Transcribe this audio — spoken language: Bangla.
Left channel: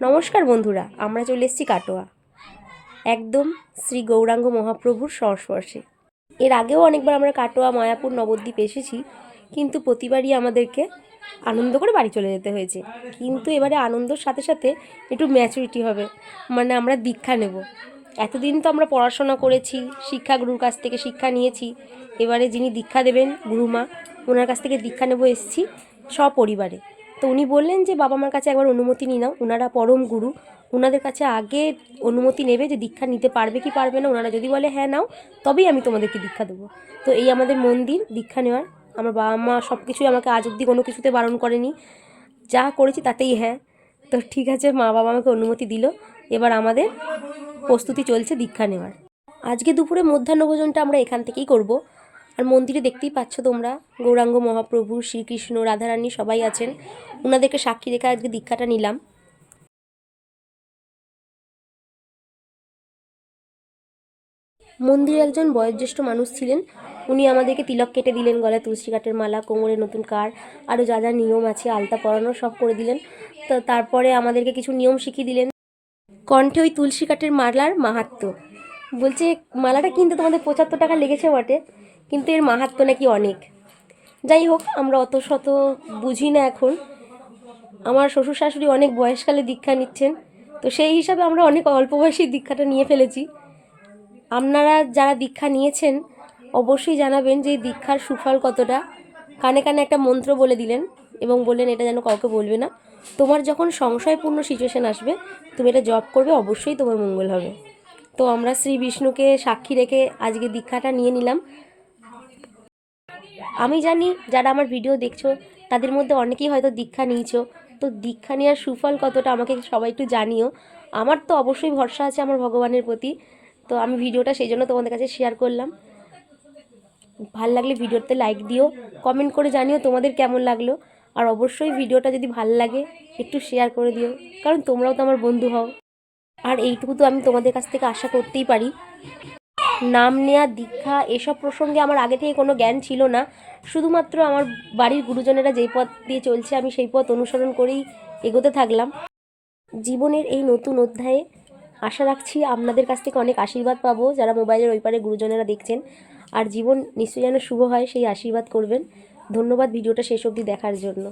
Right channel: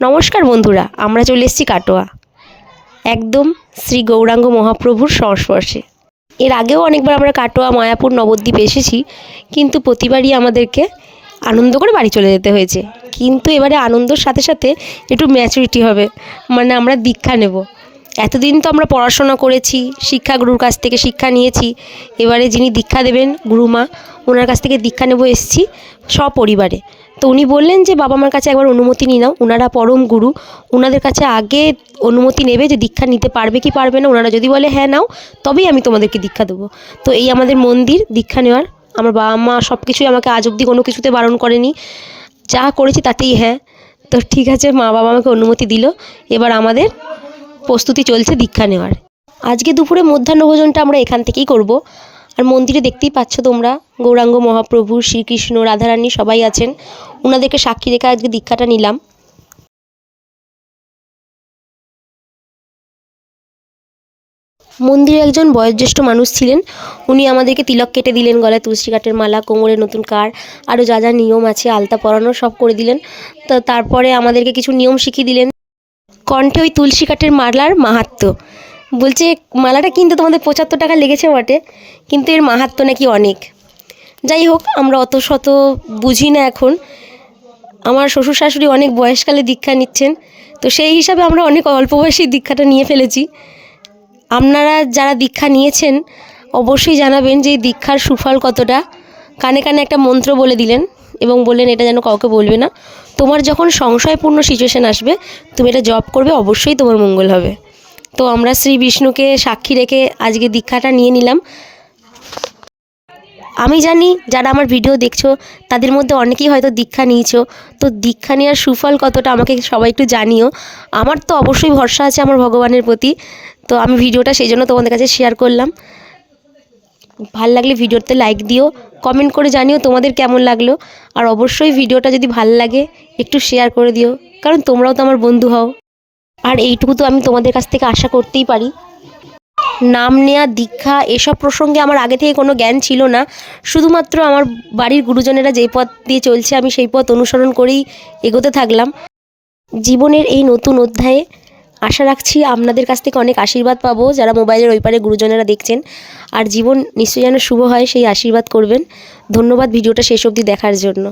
নমস্কার বন্ধুরা, আমরা চলে এসেছি কাটোয়া, একদম শ্রী গৌরাঙ্গ মহাপ্রভুর সংস্পর্শে। এর আগেও অনেকবার আমরা কাটোয়া, মায়াপুর, নবদ্বীপ এসেছি, কিন্তু প্রতিবারই আমাদেরকে আনন্দ করে বাড়ি চলে যেতে হয়েছে। কিন্তু এবারে আনন্দের সাথে সাথে একটু ম্যাচুরিটি হবে, মানে আমরা দীক্ষা নেব। এতদিন তো আমরা পড়াশোনা করেছি, শিক্ষাগুরুর কাছ থেকে শিক্ষা নিয়েছি। এবারে যিনি দীক্ষা দেবেন গুরুমা, ওনার কাছ থেকে দীক্ষা নেব এসেছি সপরিবারে। তো উনি বললেন যে বাবা মার কাছে একবার অনুমতি নিয়ে নাও, ওনারা পরম গুরু, ওনাদের কাছে আগে অনুমতি নেবে যে দীক্ষা নিতে পারবে কি পারবে না। ওনারা যদি বলে হ্যাঁ নাও, তবেই আমি তোমাদেরকে দীক্ষা দেবো। তো এই আমাদের মন্দির দীক্ষা নেওয়ার। আমার বাবা মা সব কিছুই আমাকে আজ অবধি কোনো কিছুতে বারণ করেনি, যা করেছি তাতেই হ্যাঁ। তো ঠিক আছে, মা বাবা আমাকে অনুমতি দিল। এবার আমাদের প্রস্তুতি চলছে দীক্ষা নেওয়ার। আজকে দুপুরে মধ্যাহ্নভোজনটা আমরা এখান থেকেই করব। আর মন্দিরে দেখতেই পাচ্ছ তোমরা, গৌরাঙ্গ মহাপ্রভু, শ্রীকৃষ্ণ, রাধারানী সবাই আছেন। ওনাদেরকে সাক্ষী রেখে আজকে দীক্ষাটা নিলাম। মন্দিরে একজন বয়োজ্যেষ্ঠ মানুষ ছিলেন, উনি আমাদেরকে তিলক কেটে দিলেন, গলায় তুলসী কাঠের মালা, কোমরে নতুন কার, আরও যা যা নিয়ম আছে, আলতা পরানো সব করে দিলেন। তো তারপরে আমাদেরকে কিছু নিয়ম শিখিয়ে দিলেন। কণ্ঠে ওই তুলসী কাঠের মালার মাহাত্ম্য বলছে, মালাটা কিনতে তোমাদের 75 টাকা লেগেছে বটে, কিন্তু এর মাহাত্ম্য নাকি অনেক। যাই হোক, আমরা অত শত বুঝি না এখন। আমার শ্বশুর শাশুড়ি অনেক বয়সকালে দীক্ষা নিচ্ছেন, তো সেই হিসাবে আমরা অনেক অল্প বয়সেই দীক্ষাটা নিয়ে ফেলেছি। আপনারা যারা দীক্ষা নিয়েছেন অবশ্যই জানাবেন যে এই দীক্ষার সুফল কতটা। কানে কানে একটা মন্ত্র বলে দিলেন এবং বললেন এটা যেন কাউকে বলবে না। তোমার যখন সংশয়পূর্ণ সিচুয়েশান আসবে, তুমি এটা জপ করবে, অবশ্যই তোমার মঙ্গল হবে। তো আমরা শ্রী বিষ্ণুকে সাক্ষী রেখে আজকে দীক্ষাটা নিয়ে নিলাম। আমি জানি যারা আমার ভিডিও দেখছো তাদের মধ্যে অনেকেই হয়তো দীক্ষা নিয়েছো, তো দীক্ষা নেওয়ার সুফল কতটা আমাকে সবাই একটু জানিও। আমার তো অবশ্যই ভরসা আছে আমার ভগবানের প্রতি, তো আমি ভিডিওটা সেই জন্য তোমাদের কাছে শেয়ার করলাম। ভাল লাগলে ভিডিওতে লাইক দিও, কমেন্ট করে জানিও তোমাদের কেমন লাগলো। আর অবশ্যই ভিডিওটা যদি ভাল লাগে একটু শেয়ার করে দিও, কারণ তোমরাও তো আমার বন্ধু হও। আর এইটুকু তো আমি তোমাদের কাছ থেকে আশা করতেই পারি। নাম নেয়া, দীক্ষা এসব প্রসঙ্গে আমার আগে থেকে কোনো জ্ঞান ছিল না। শুধুমাত্র আমার বাড়ির গুরুজনেরা যেই পথ দিয়ে চলছে আমি সেই পথ অনুসরণ করেই এগোতে থাকলাম। জীবনের এই নতুন অধ্যায়ে আশা রাখছি আপনাদের কাছ থেকে অনেক আশীর্বাদ পাবো, যারা মোবাইলের ওই পারে গুরুজনেরা দেখছেন। আর জীবন নিশ্চয়ই যেন শুভ হয়, সেই আশীর্বাদ করবেন। ধন্যবাদ ভিডিওটা শেষ অবধি দেখার জন্য।